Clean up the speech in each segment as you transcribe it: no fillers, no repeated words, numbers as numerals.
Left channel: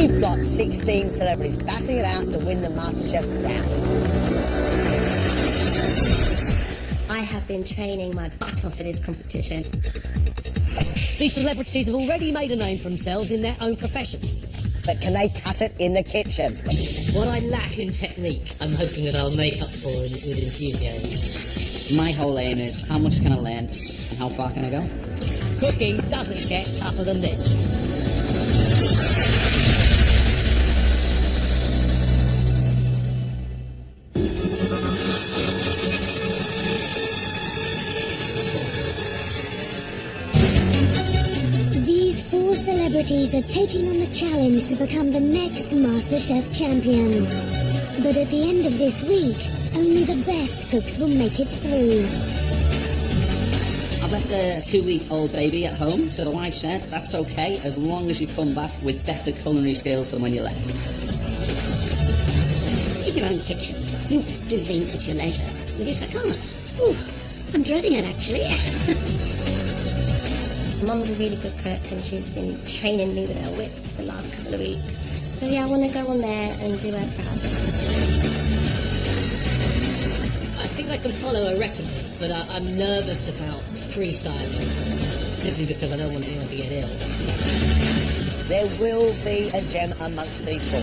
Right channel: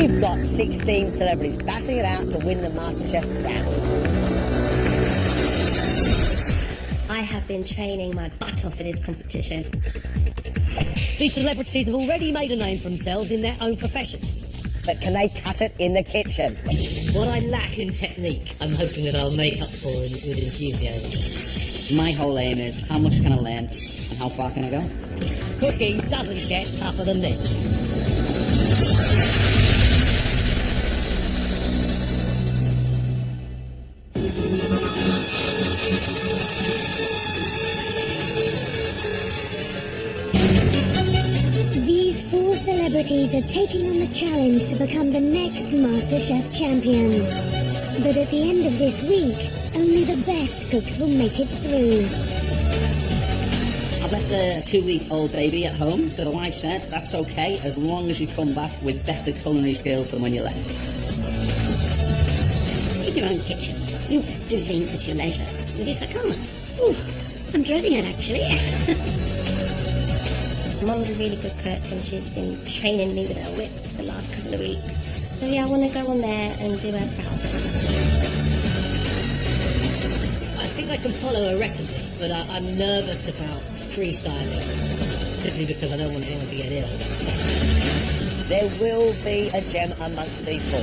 We've got 16 celebrities battling it out to win the MasterChef crown. I have been training my butt off for this competition. These celebrities have already made a name for themselves in their own professions. But can they cut it in the kitchen? What I lack in technique, I'm hoping that I'll make up for with enthusiasm. My whole aim is how much can I learn and how far can I go? Cooking doesn't get tougher than this. These 4 celebrities are taking on the challenge to become the next MasterChef champion. But at the end of this week, only the best cooks will make it through. I've left a 2-week-old baby at home, so the wife said that's okay as long as you come back with better culinary skills than when you left. In your own kitchen, you do things at your leisure. With this, I can't. Ooh, I'm dreading it, actually. Mum's a really good cook, and she's been training me with her whip for the last couple of weeks. So yeah, I want to go on there and do her proud. I think I can follow a recipe, but I'm nervous about freestyling, simply because I don't want anyone to get ill. There will be a gem amongst these 4.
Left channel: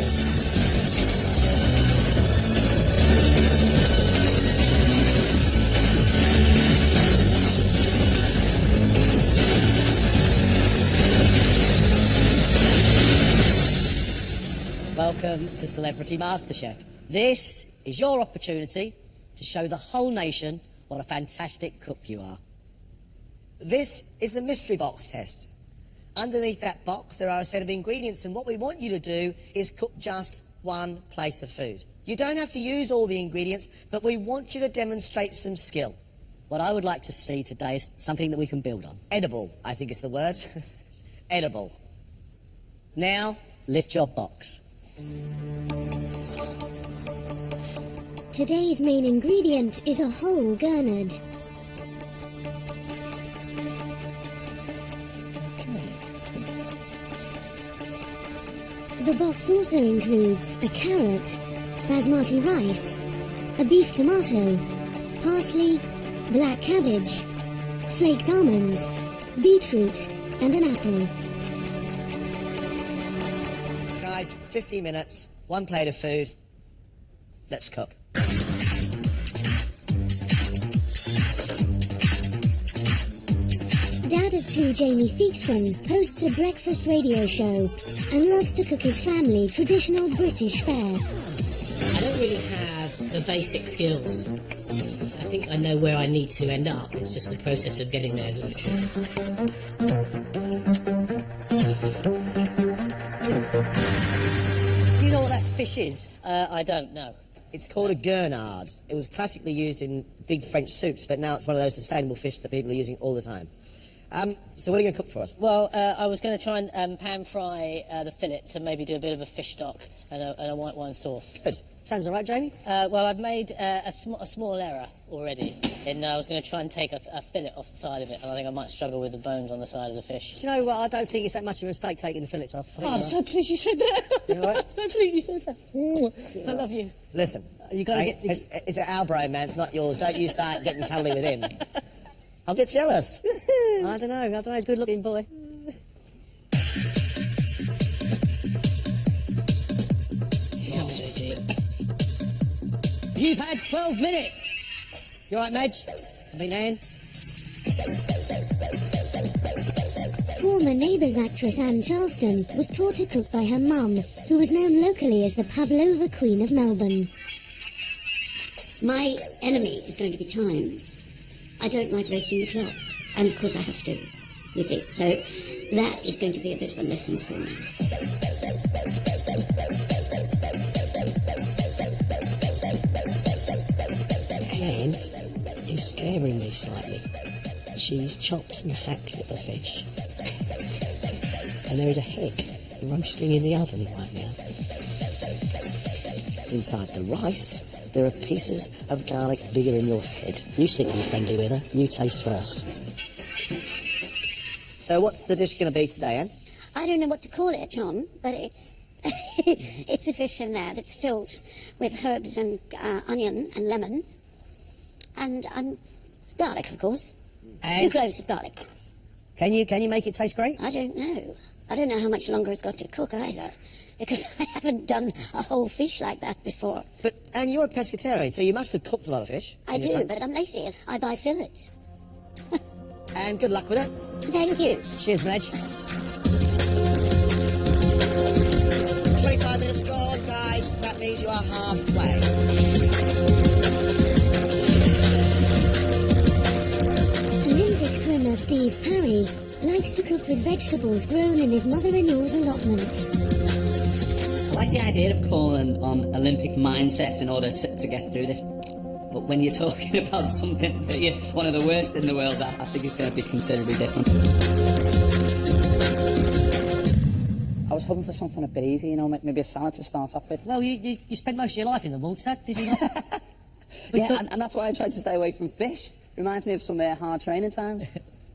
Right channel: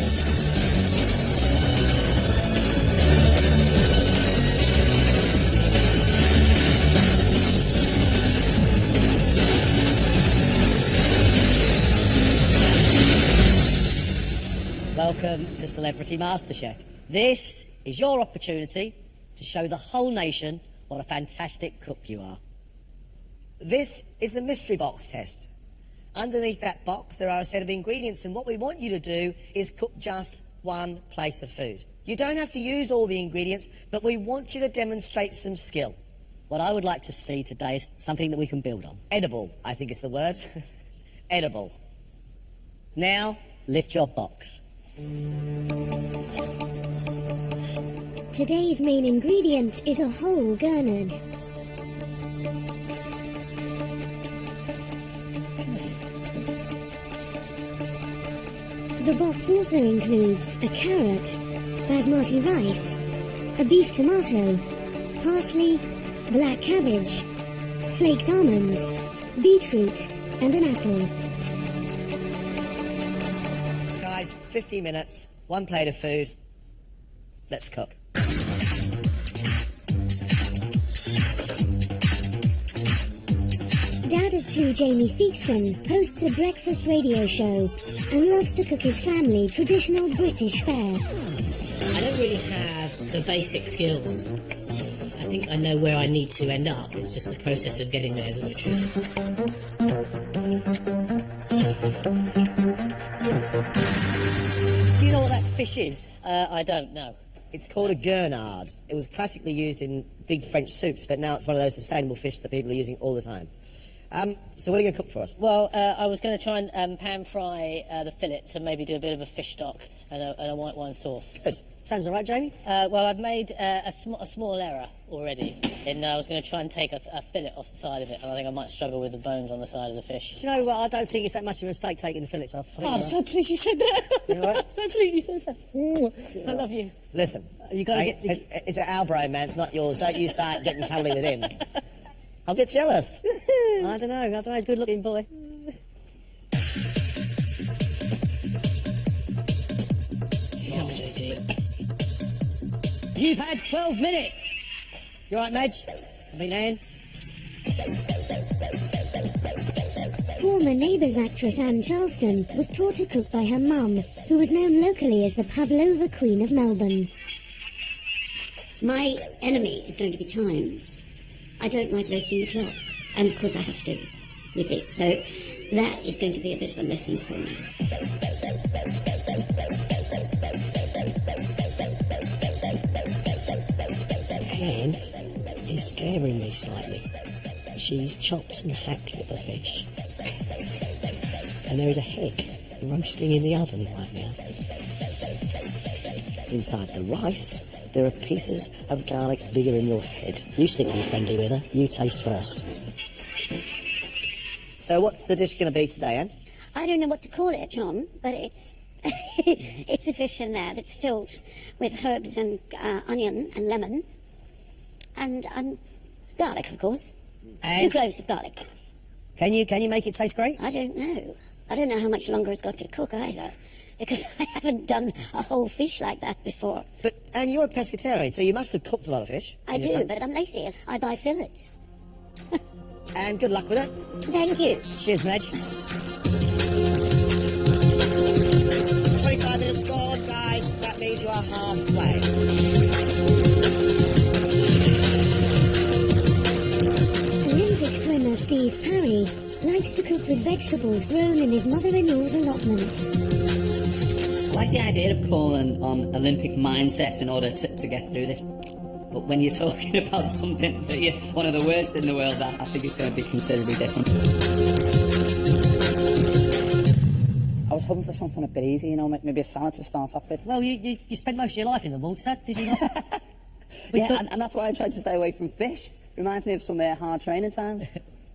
Welcome to Celebrity MasterChef. This is your opportunity to show the whole nation what a fantastic cook you are. This is the mystery box test. Underneath that box there are a set of ingredients, and what we want you to do is cook just 1 plate of food. You don't have to use all the ingredients, but we want you to demonstrate some skill. What I would like to see today is something that we can build on. Edible, I think is the word. Edible. Now, lift your box. Today's main ingredient is a whole gurnard. The box also includes a carrot, basmati rice, a beef tomato, parsley, black cabbage, flaked almonds, beetroot, and an apple. Guys, 50 minutes, 1 plate of food. Let's cook. Dad of 2 Jamie Theakston hosts a breakfast radio show and loves to cook his family traditional British fare. I don't really have the basic skills. I think I know where I need to end up. It's just the process of getting there is a bit tricky. Do you know what that fish is? I don't know. It's called a gurnard. It was classically used in big French soups, but now it's one of those sustainable fish that people are using all the time. So what are you going to cook for us? Well, I was going to try and pan fry the fillets and maybe do a bit of a fish stock and a white wine sauce. Good. Sounds all right, Jamie? Well, I've made a small error already. And I was going to try and take a fillet off the side of it, and I think I might struggle with the bones on the side of the fish. Do you know what? I don't think it's that much of a mistake taking the fillets off. I'm so pleased you said that. You all right? I'm so pleased you said that. I love you. Listen, You gotta it's our brain, man. It's not yours. Don't you start getting cuddly with him. I'll get jealous. I don't know. He's a good-looking boy. You've had 12 minutes. You all right, Madge? I mean, Anne? Former Neighbours actress Anne Charleston was taught to cook by her mum, who was known locally as the Pavlova Queen of Melbourne. My enemy is going to be time. I don't like racing the clock, and of course I have to with this, so that is going to be a bit of a lesson for me. Anne is scaring me slightly. She's chopped and hacked at the fish. And there is a head roasting in the oven right now. Inside the rice, there are pieces of garlic bigger than your head. You seem to be friendly with her. You taste first. So what's the dish going to be today, Anne? I don't know what to call it, John, but it's It's a fish in there that's filled with herbs and onion and lemon and garlic, of course. And 2 cloves of garlic. can you make it taste great? I don't know. I don't know how much longer it's got to cook either, because I haven't done a whole fish like that before. And you're a pescatarian, so you must have cooked a lot of fish. I do, but I'm lazy. I buy fillets. And good luck with it. Thank you. Cheers, Madge. 25 minutes gone, guys. That means you are halfway. Olympic swimmer Steve Parry likes to cook with vegetables grown in his mother-in-law's allotment. I like the idea of calling on Olympic mindsets in order to get through this. But when you're talking about something that you're one of the worst in the world, I think it's going to be considerably different. I was hoping for something a bit easy, you know, maybe a salad to start off with. Well, you spent most of your life in the water, did you not? Yeah, and that's why I tried to stay away from fish. Reminds me of some hard training times.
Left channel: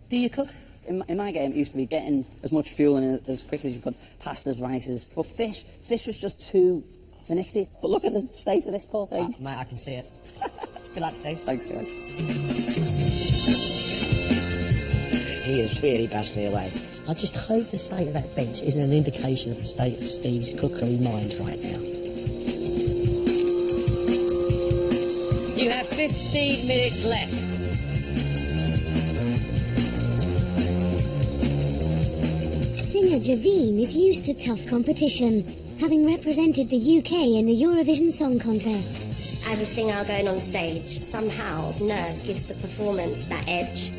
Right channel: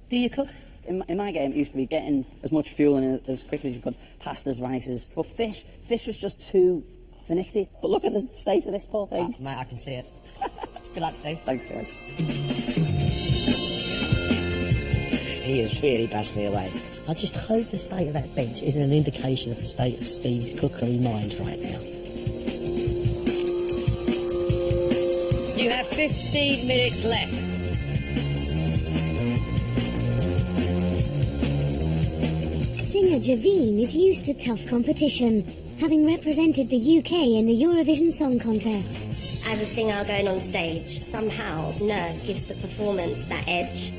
Do you cook? In my game, it used to be getting as much fuel in as quickly as you could, pastas, rices. But fish was just too finicky. But look at the state of this poor thing. Mate, I can see it. Good luck, Steve. Thanks, guys. He is really badly away. I just hope the state of that bench isn't an indication of the state of Steve's cookery mind right now. You have 15 minutes left. Singer Javine is used to tough competition, having represented the UK in the Eurovision Song Contest. As a singer going on stage, somehow nerves gives the performance that edge.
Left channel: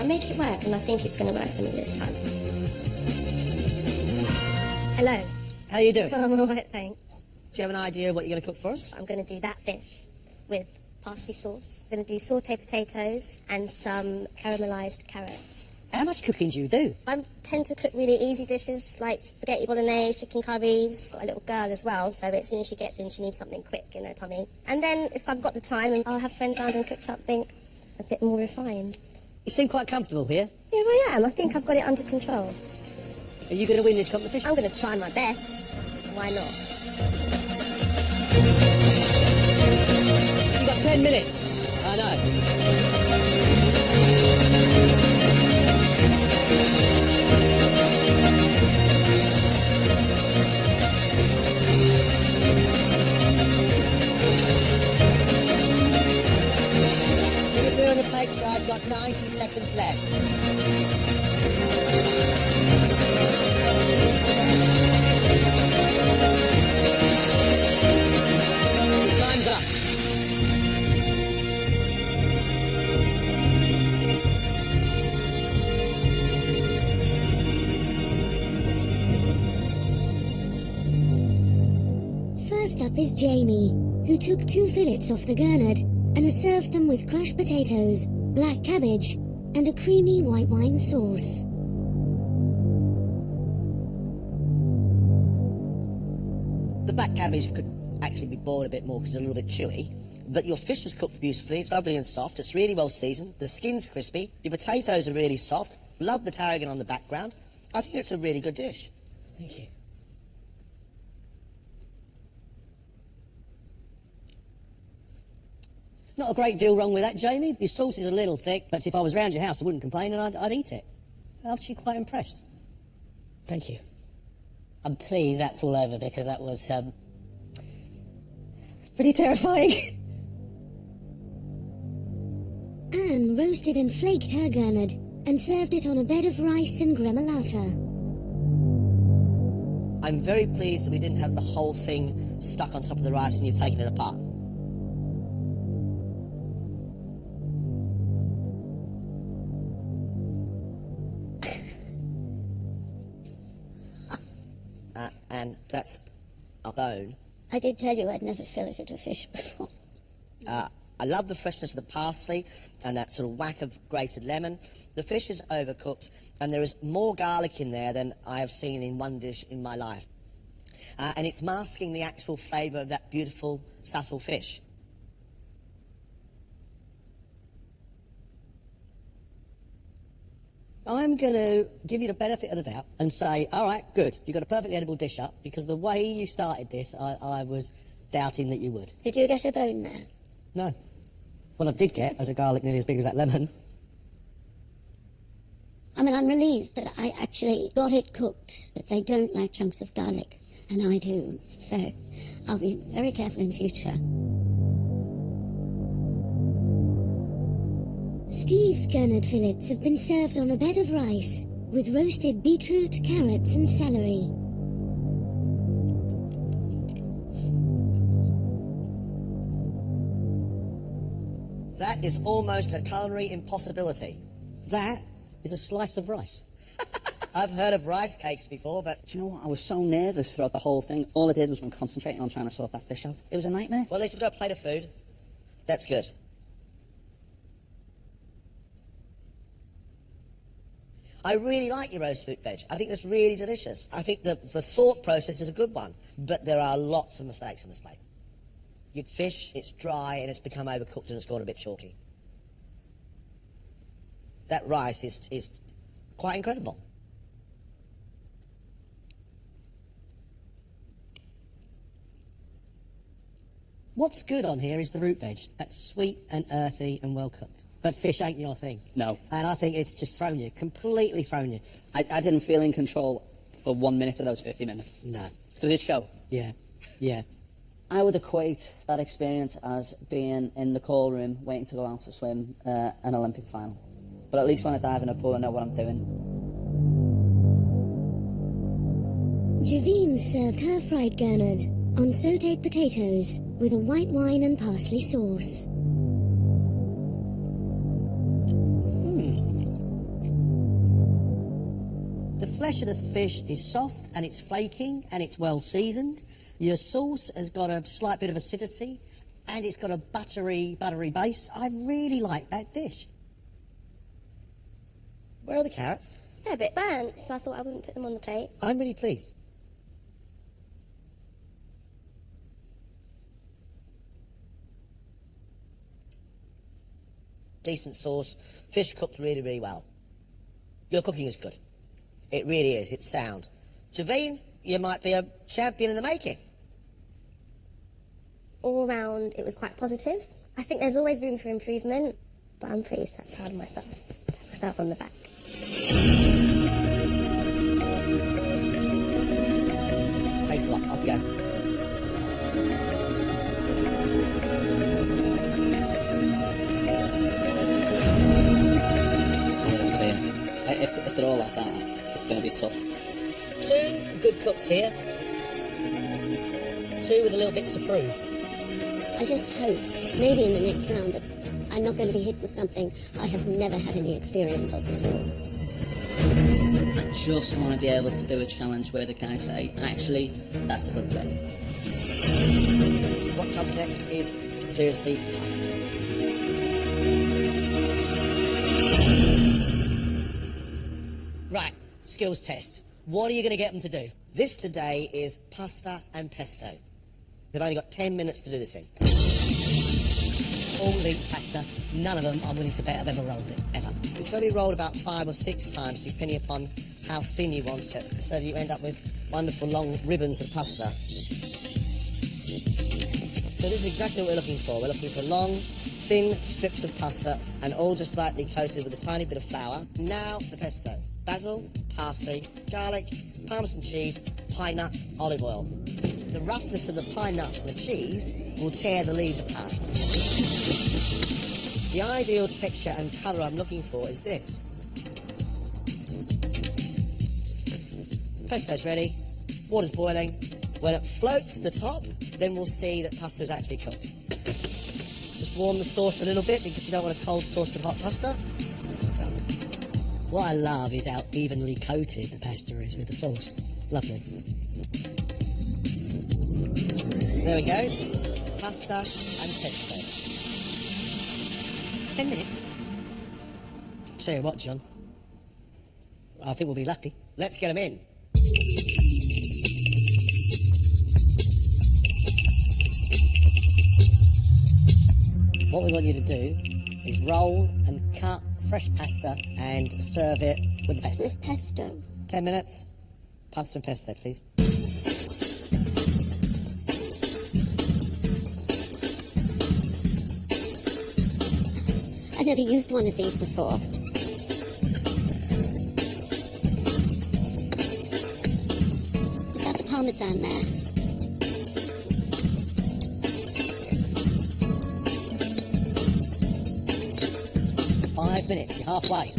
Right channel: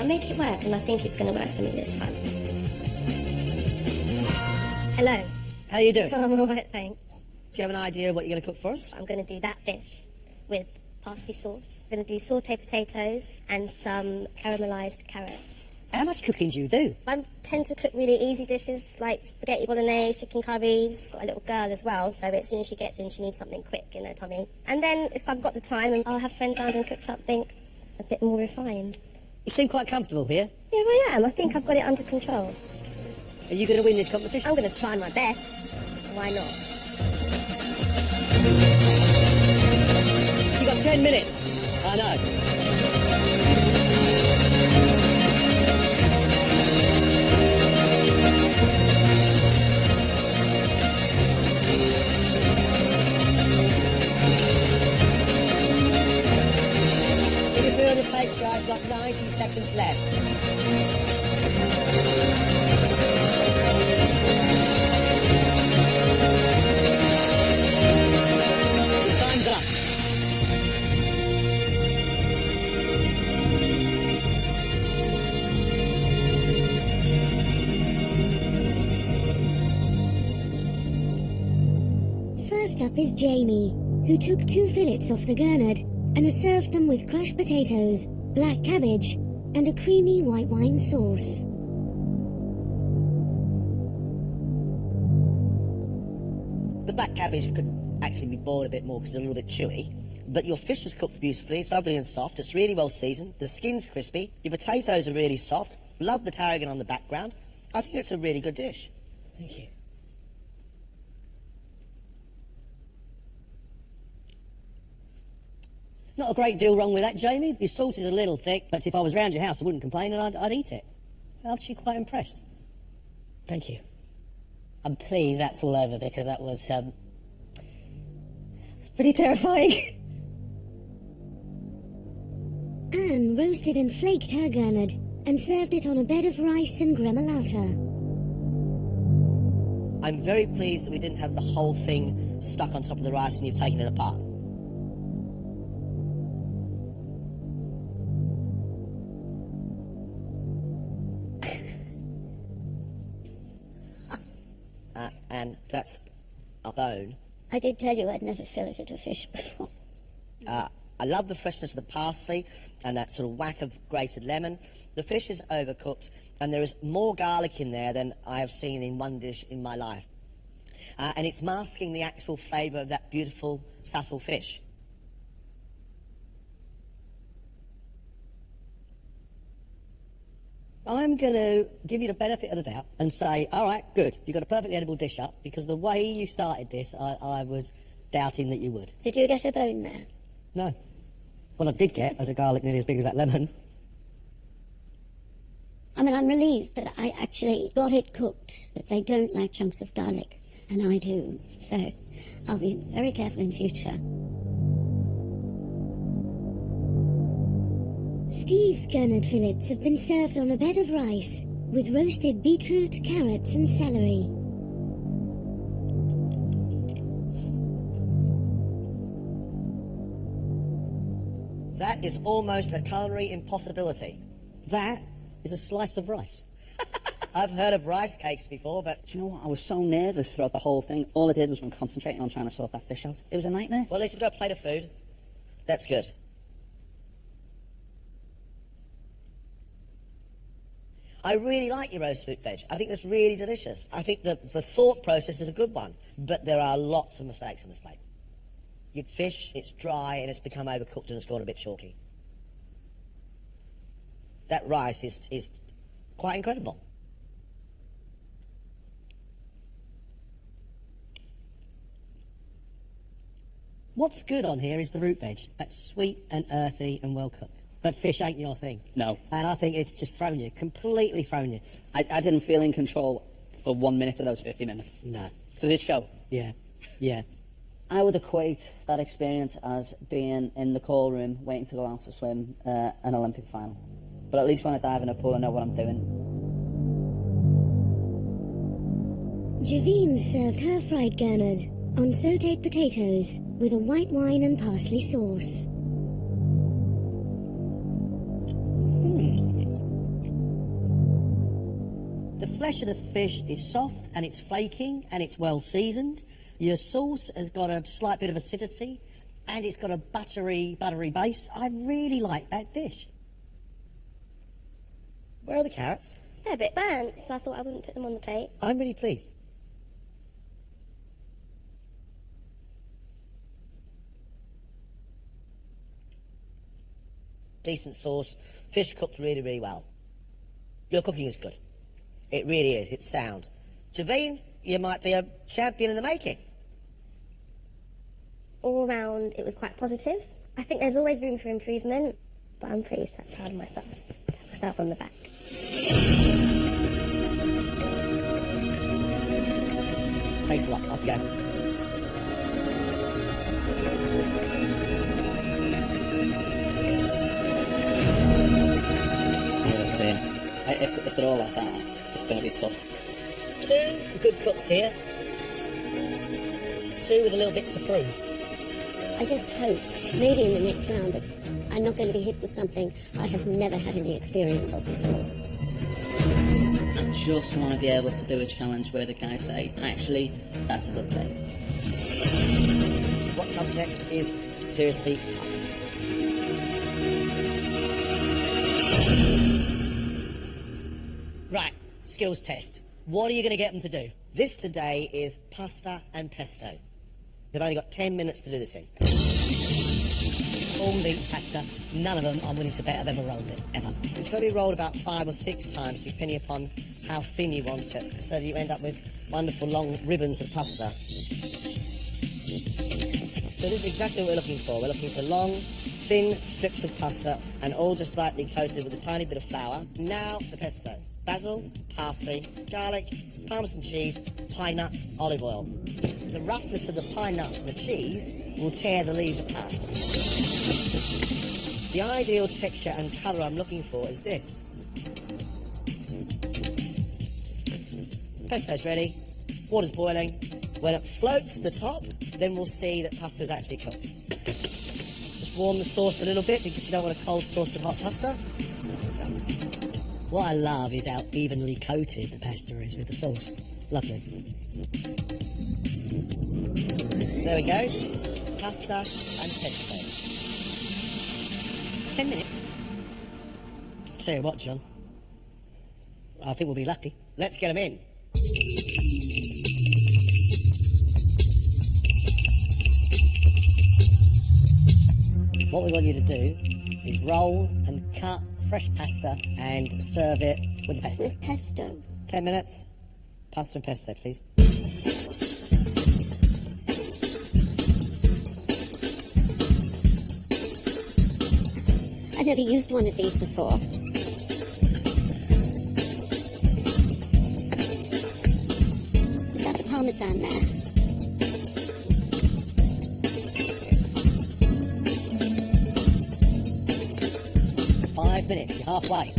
I make it work, and I think it's going to work for me this time. Hello. How are you doing? I'm all right, thanks. Do you have an idea of what you're going to cook for us? I'm going to do that fish with parsley sauce. I'm going to do sauté potatoes and some caramelised carrots. How much cooking do you do? I tend to cook really easy dishes like spaghetti bolognese, chicken curries. Got a little girl as well, so as soon as she gets in, she needs something quick in her tummy. And then if I've got the time, I'll have friends around and cook something a bit more refined. You seem quite comfortable here. Yeah, I am. I think I've got it under control. Are you going to win this competition? I'm going to try my best. Why not? You got 10 minutes. I know. Get your food on your plates, guys. You've got 90 seconds left. Your time's up. First up is Jamie, who took 2 fillets off the gurnard and has served them with crushed potatoes, black cabbage, and a creamy white wine sauce. The black cabbage could actually be boiled a bit more because it's a little bit chewy. But your fish was cooked beautifully. It's lovely and soft. It's really well seasoned. The skin's crispy. Your potatoes are really soft. Love the tarragon on the background. I think it's a really good dish. Thank you. Not a great deal wrong with that, Jamie. Your sauce is a little thick, but if I was round your house, I wouldn't complain and I'd eat it. I'm actually quite impressed. Thank you. I'm pleased that's all over because that was pretty terrifying. Anne roasted and flaked her gurnard and served it on a bed of rice and gremolata. I'm very pleased that we didn't have the whole thing stuck on top of the rice and you've taken it apart. And that's a bone. I did tell you I'd never filleted a fish before. I love the freshness of the parsley and that sort of whack of grated lemon. The fish is overcooked and there is more garlic in there than I have seen in one dish in my life. And it's masking the actual flavour of that beautiful, subtle fish. I'm going to give you the benefit of the doubt and say, all right, good, you got a perfectly edible dish up, because the way you started this, I was doubting that you would. Did you get a bone there? No. What I did get was a garlic nearly as big as that lemon. I mean, I'm relieved that I actually got it cooked, but they don't like chunks of garlic, and I do, so I'll be very careful in future. Steve's gurnard fillets have been served on a bed of rice with roasted beetroot, carrots and celery. That is almost a culinary impossibility. That is a slice of rice. I've heard of rice cakes before, but... Do you know what? I was so nervous throughout the whole thing. All I did was concentrating on trying to sort that fish out. It was a nightmare. Well, at least we've got a plate of food. That's good. I really like your roast fruit veg. I think that's really delicious. I think the thought process is a good one, but there are lots of mistakes on this plate. You get fish, it's dry, and it's become overcooked and it's gone a bit chalky. That rice is quite incredible. What's good on here is the root veg. That's sweet and earthy and well cooked. But fish ain't your thing. No. And I think it's just thrown you, completely thrown you. I didn't feel in control for 1 minute of those 50 minutes. No. Does it show? Yeah, yeah. I would equate that experience as being in the call room waiting to go out to swim an Olympic final. But at least when I dive in a pool, I know what I'm doing. Javine served her fried gurnard on sautéed potatoes with a white wine and parsley sauce. The flesh of the fish is soft and it's flaking and it's well seasoned. Your sauce has got a slight bit of acidity and it's got a buttery base. I really like that dish. Where are the carrots? They're a bit burnt, so I thought I wouldn't put them on the plate. I'm really pleased. Decent sauce. Fish cooked really, really well. Your cooking is good. It really is. It's sound. Javine, you might be a champion in the making. All round, it was quite positive. I think there's always room for improvement, but I'm pretty proud of myself. Pat myself on the back. Thanks a lot. Off you go. Yeah, up to you. If they're all like that, it's going to be tough. 2 good cooks here. 2 with a little bit to prove. I just hope, maybe in the next round, that I'm not going to be hit with something I have never had any experience of before. I just want to be able to do a challenge where the guys say, actually, that's a good plate. What comes next is seriously tough. Right, skills test. What are you going to get them to do? This today is pasta and pesto. They've only got 10 minutes to do this in. All eaten pasta. None of them, I'm willing to bet, have ever rolled it, ever. It's going to be rolled about 5 or 6 times, depending upon how thin you want it, so that you end up with wonderful long ribbons of pasta. So this is exactly what we're looking for. We're looking for long, thin strips of pasta, and all just lightly coated with a tiny bit of flour. Now the pesto. Basil, parsley, garlic, parmesan cheese, pine nuts, olive oil. The roughness of the pine nuts and the cheese will tear the leaves apart. The ideal texture and colour I'm looking for is this. Pesto's ready, water's boiling. When it floats to the top, then we'll see that pasta is actually cooked. Just warm the sauce a little bit because you don't want a cold sauce with hot pasta. What I love is how evenly coated the pasta is with the sauce. Lovely. There we go. Pasta and pesto. 10 minutes. Tell you what, John. I think we'll be lucky. Let's get them in. What we want you to do is roll and cut fresh pasta and serve it with the pesto. With pesto. 10 minutes. Pasta and pesto, please. I've never used one of these before. Is that the parmesan there? 5 minutes, you're halfway.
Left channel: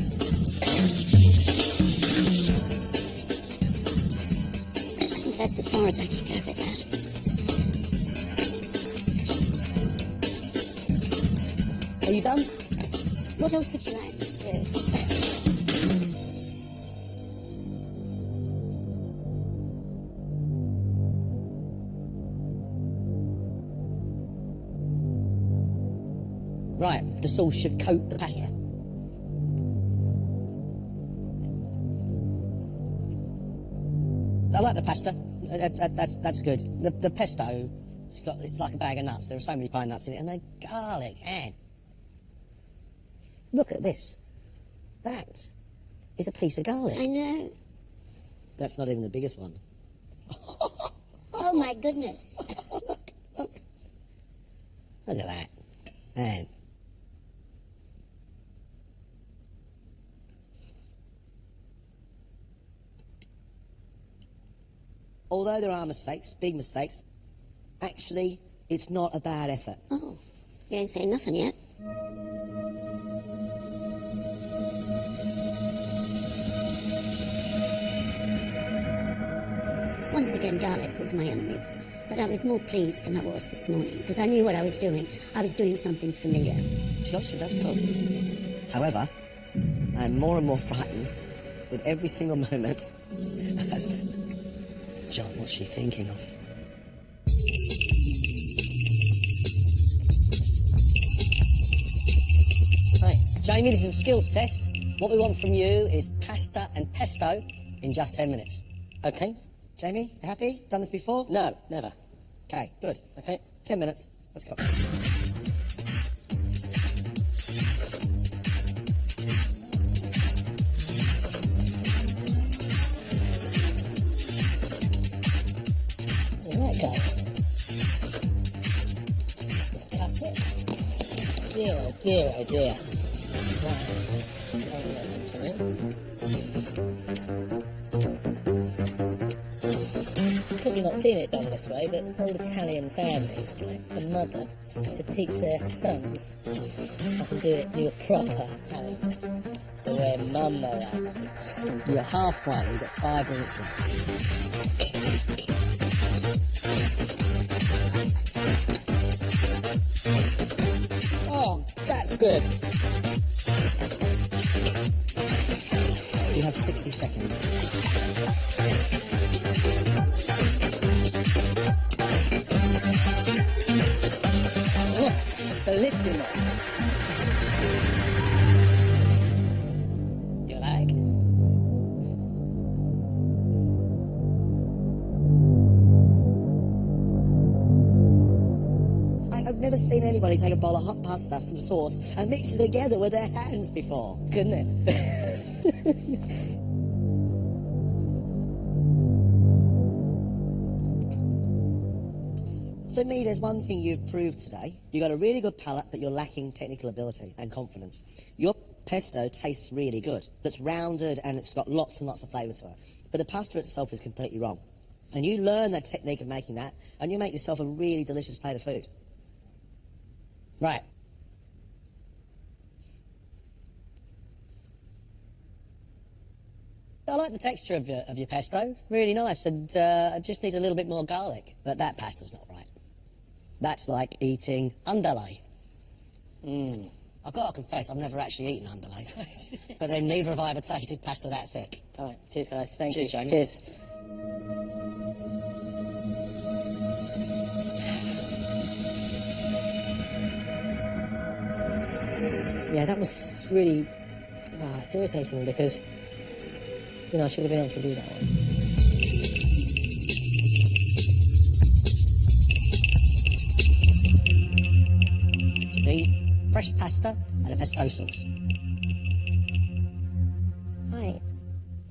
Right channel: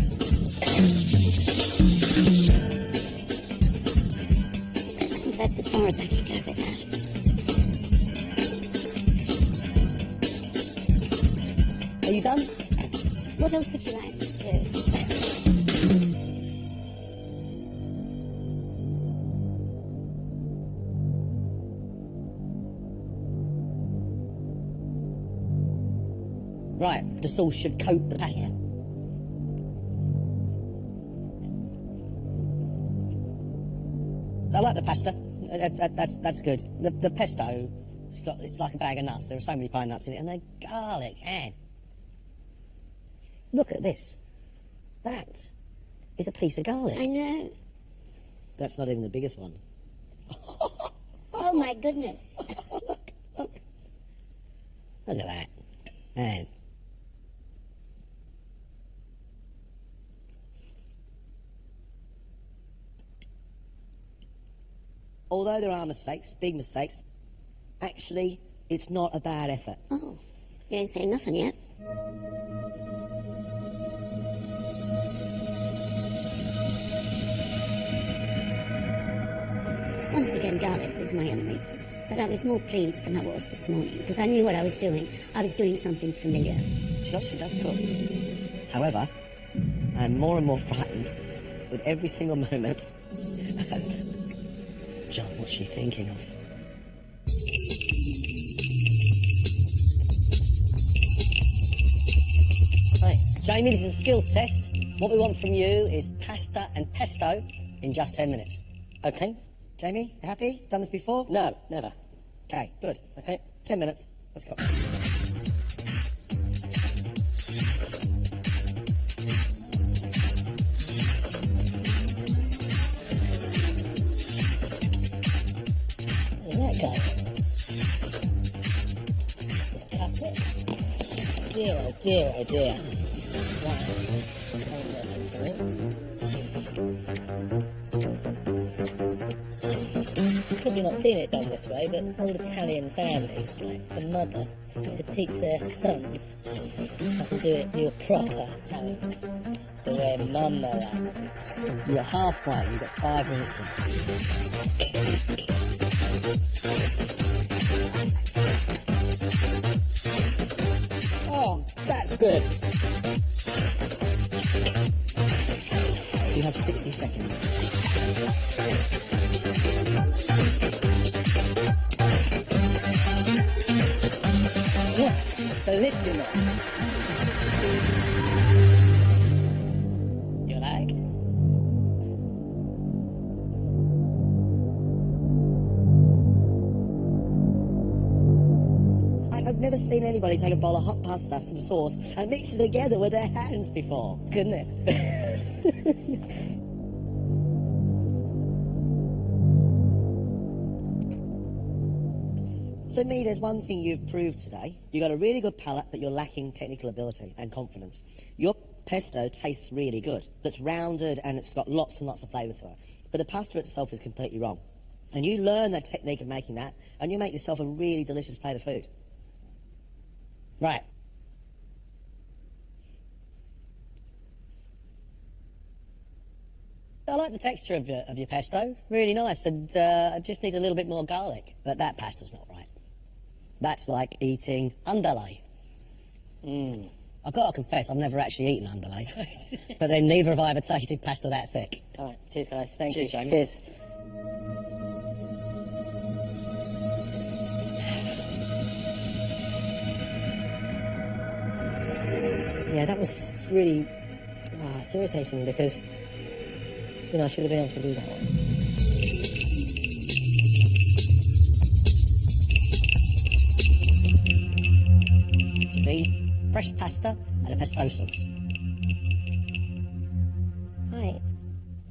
I think that's as far as I can go with that. Are you done? What else would you like me to do? Right, the sauce should coat the pasta. I like the pasta. That's good. The pesto, it's like a bag of nuts. There are so many pine nuts in it, and then garlic and. Look at this. That is a piece of garlic. I know. That's not even the biggest one. Oh my goodness. Look at that. And although there are mistakes, big mistakes, actually, it's not a bad effort. Oh, you ain't saying nothing yet. Once again, garlic was my enemy, but I was more pleased than I was this morning, because I knew what I was doing. I was doing something familiar. She obviously does cook. However, I'm more and more frightened with every single moment. John, what's she thinking of? Hi, Jamie, this is a skills test. What we want from you is pasta and pesto in just 10 minutes. Okay. Jamie, you happy? Done this before? No, never. Okay, good. Okay. 10 minutes. Let's go. Where's that go? Just cut it. Dear, oh dear, oh dear. That ain't working for me. Probably not seen it done this way, but old Italian families, right, the mother used to teach their sons how to do it the proper Italian way, the way Mama likes it. You're halfway. You've got 5 minutes left. Oh, that's good. You have 60 seconds. Bellissimo. You like? I've never seen anybody take a bowl of hot pasta, some sauce, and mix it together with their hands before. Couldn't it? For me, there's one thing you've proved today. You've got a really good palate, but you're lacking technical ability and confidence. Your pesto tastes really good. It's rounded and it's got lots and lots of flavour to it. But the pasta itself is completely wrong. And you learn that technique of making that, and you make yourself a really delicious plate of food. Right. I like the texture of your pesto. Really nice, and it just needs a little bit more garlic. But that pasta's not right. That's like eating underlay. I've got to confess, I've never actually eaten underlay. But then neither have I ever tasted pasta that thick. All right, cheers, guys. Thank Cheers, you. Jamie. Cheers. Yeah, that was really... it's irritating because, you know, I should have been able to do that one. Fresh pasta and a pesto sauce. Right.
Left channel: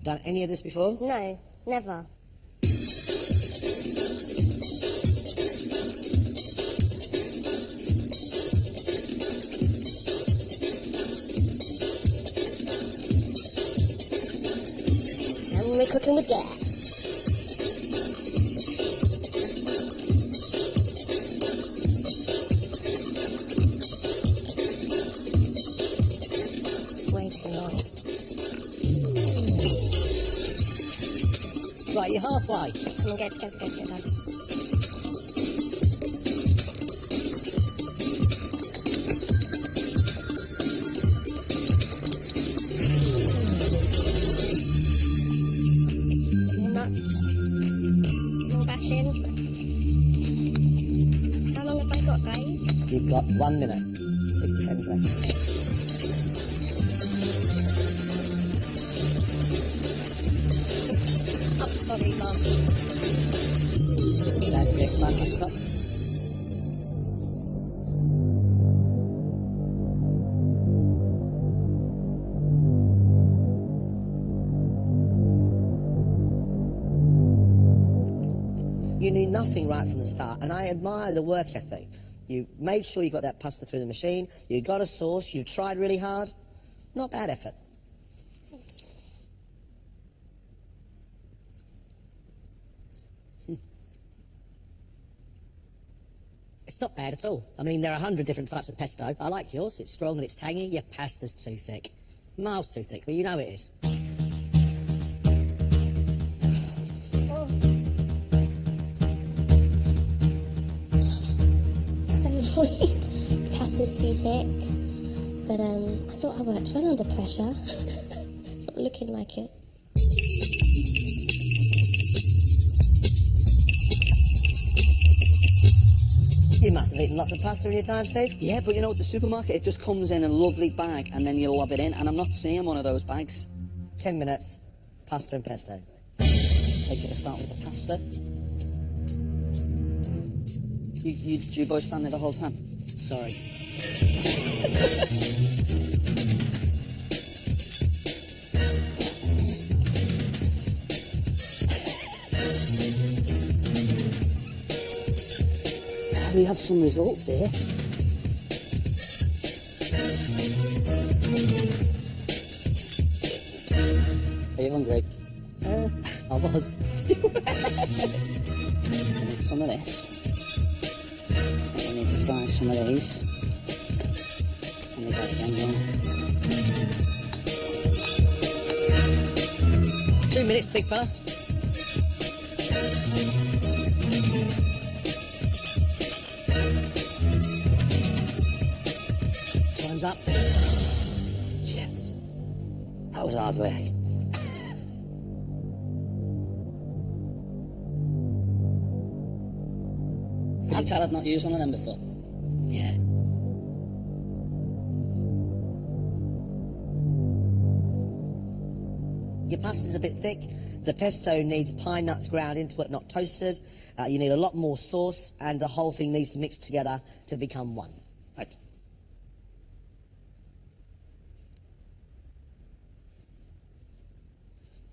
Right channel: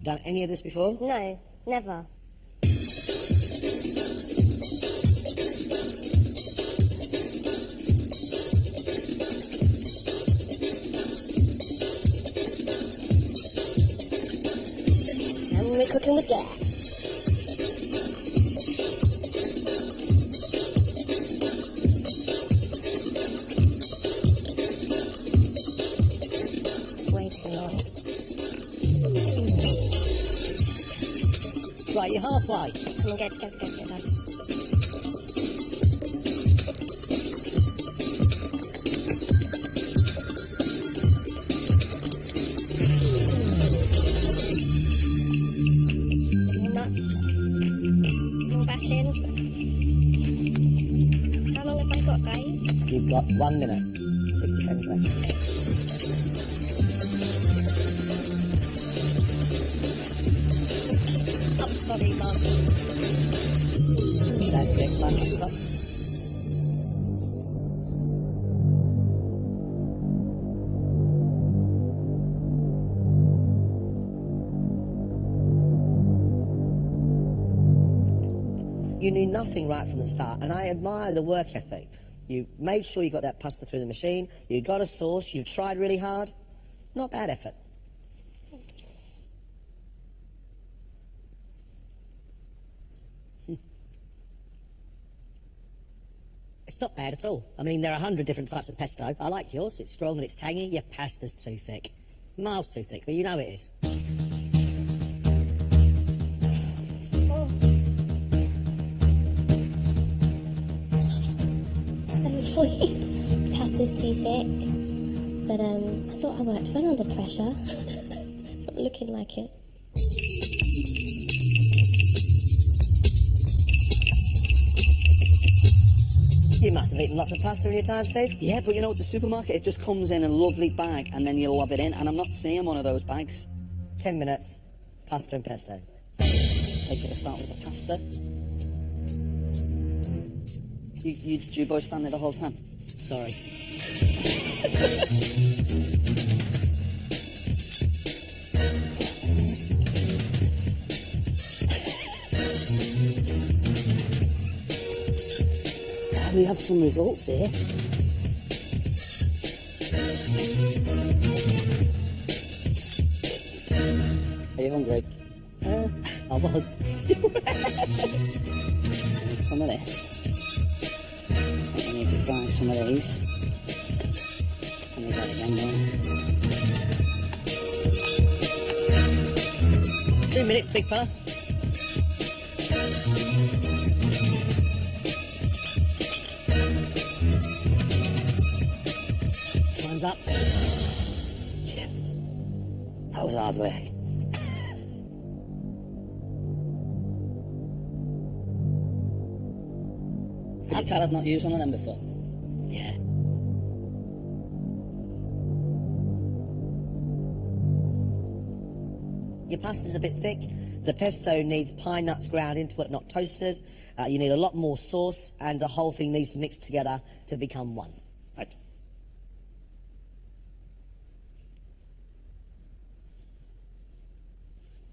Done any of this before? No, never. And we're cooking with gas. It's way too long. Right, you're halfway. Come on, go. Bit more nuts. Bit more bashing. How long have I got, guys? You've got 1 minute, 60 seconds left. I'm sorry, Mum. That's it, time's up, stop. You knew nothing right from the start, and I admire the work ethic. You made sure you got that pasta through the machine, you got a sauce, you tried really hard. Not bad effort. It's not bad at all. I mean, there are 100 different types of pesto. I like yours. It's strong and it's tangy. Your pasta's too thick. Miles too thick, but you know it is. Oh. So annoyed. The pasta's too thick. But I thought I worked well under pressure. It's not looking like it. You must have eaten lots of pasta in your time, Steve. Yeah, but you know, at the supermarket, it just comes in a lovely bag and then you lob it in, and I'm not seeing one of those bags. 10 minutes, pasta and pesto. Take it to start with the pasta. You boys stand there the whole time? Sorry. Oh, we have some results here. Are you hungry? I was. I need some of this. I think we need to fry some of these. I need that again, don't I? 2 minutes, big fella. Time's up. Shit. That was hard work. Could you tell I'd not used one of them before? Yeah. Your pasta's a bit thick. The pesto needs pine nuts ground into it, not toasted. You need a lot more sauce, and the whole thing needs to mix together to become one. Right.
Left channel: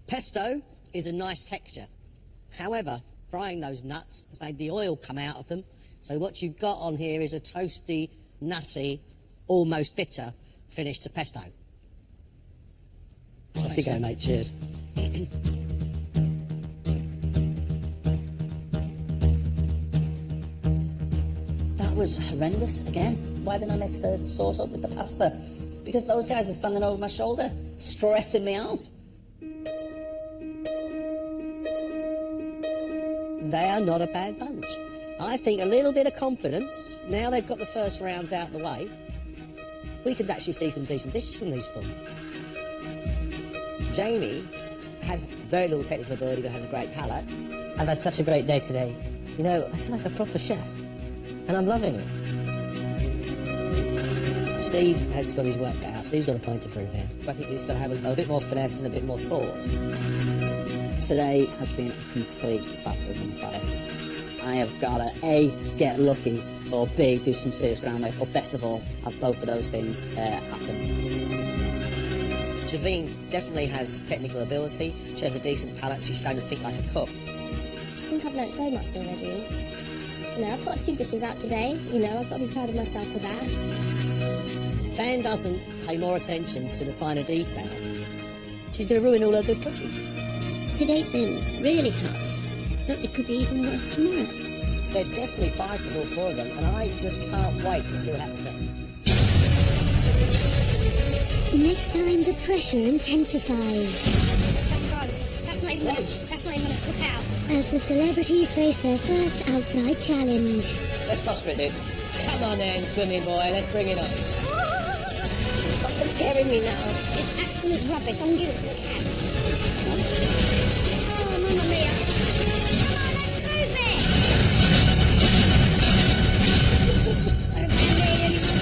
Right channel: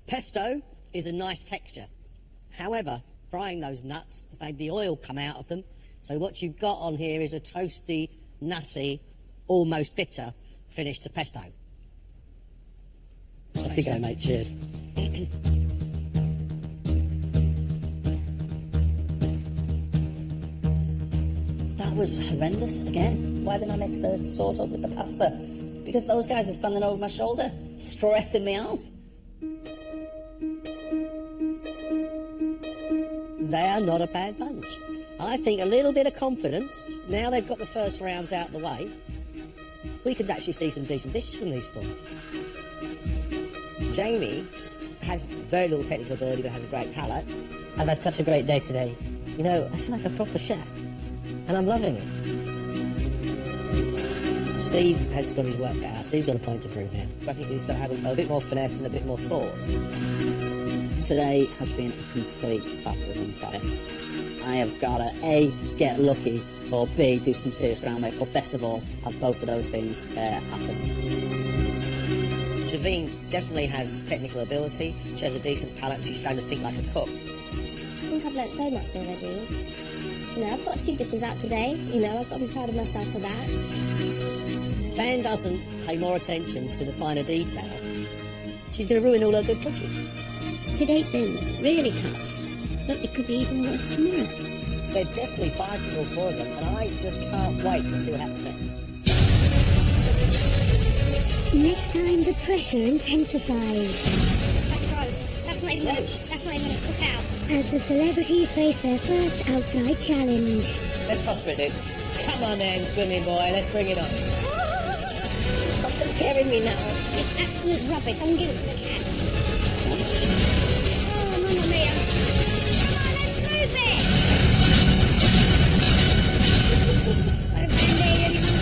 Pesto is a nice texture. However, frying those nuts has made the oil come out of them. So what you've got on here is a toasty, nutty, almost bitter finish to pesto. Off you go, mate. Cheers. That was horrendous again. Why didn't I mix the sauce up with the pasta? Because those guys are standing over my shoulder, stressing me out. They are not a bad bunch. I think a little bit of confidence, now they've got the first rounds out of the way, we could actually see some decent dishes from these four. Jamie has very little technical ability but has a great palate. I've had such a great day today. You know, I feel like a proper chef. And I'm loving it. Steve has got his work cut out. Steve's got a point to prove now. I think he's got to have a bit more finesse and a bit more thought. Today has been a complete baptism of fire. I have got to A, get lucky, or B, do some serious groundwork, or best of all, have both of those things happen. Javine definitely has technical ability, she has a decent palate, and she's starting to think like a cook. I think I've learnt so much already. You know, I've got 2 dishes out today. You know, I've got to be proud of myself for that. Fan doesn't pay more attention to the finer detail, she's going to ruin all her good cooking. Today's been really tough, but it could be even worse tomorrow. They're definitely fighters, all 4 of them, and I just can't wait to see what happens next. Next time, the pressure intensifies That's gross. That's not even going to cook out. as the celebrities face their first outside challenge. Let's toss for it, dude. Come on then, swimming boy, let's bring it on. Stop scaring me now. It's absolute rubbish. I'm giving it to the cat. Oh, mamma mia. Come on, let's move it. So handy, anyone?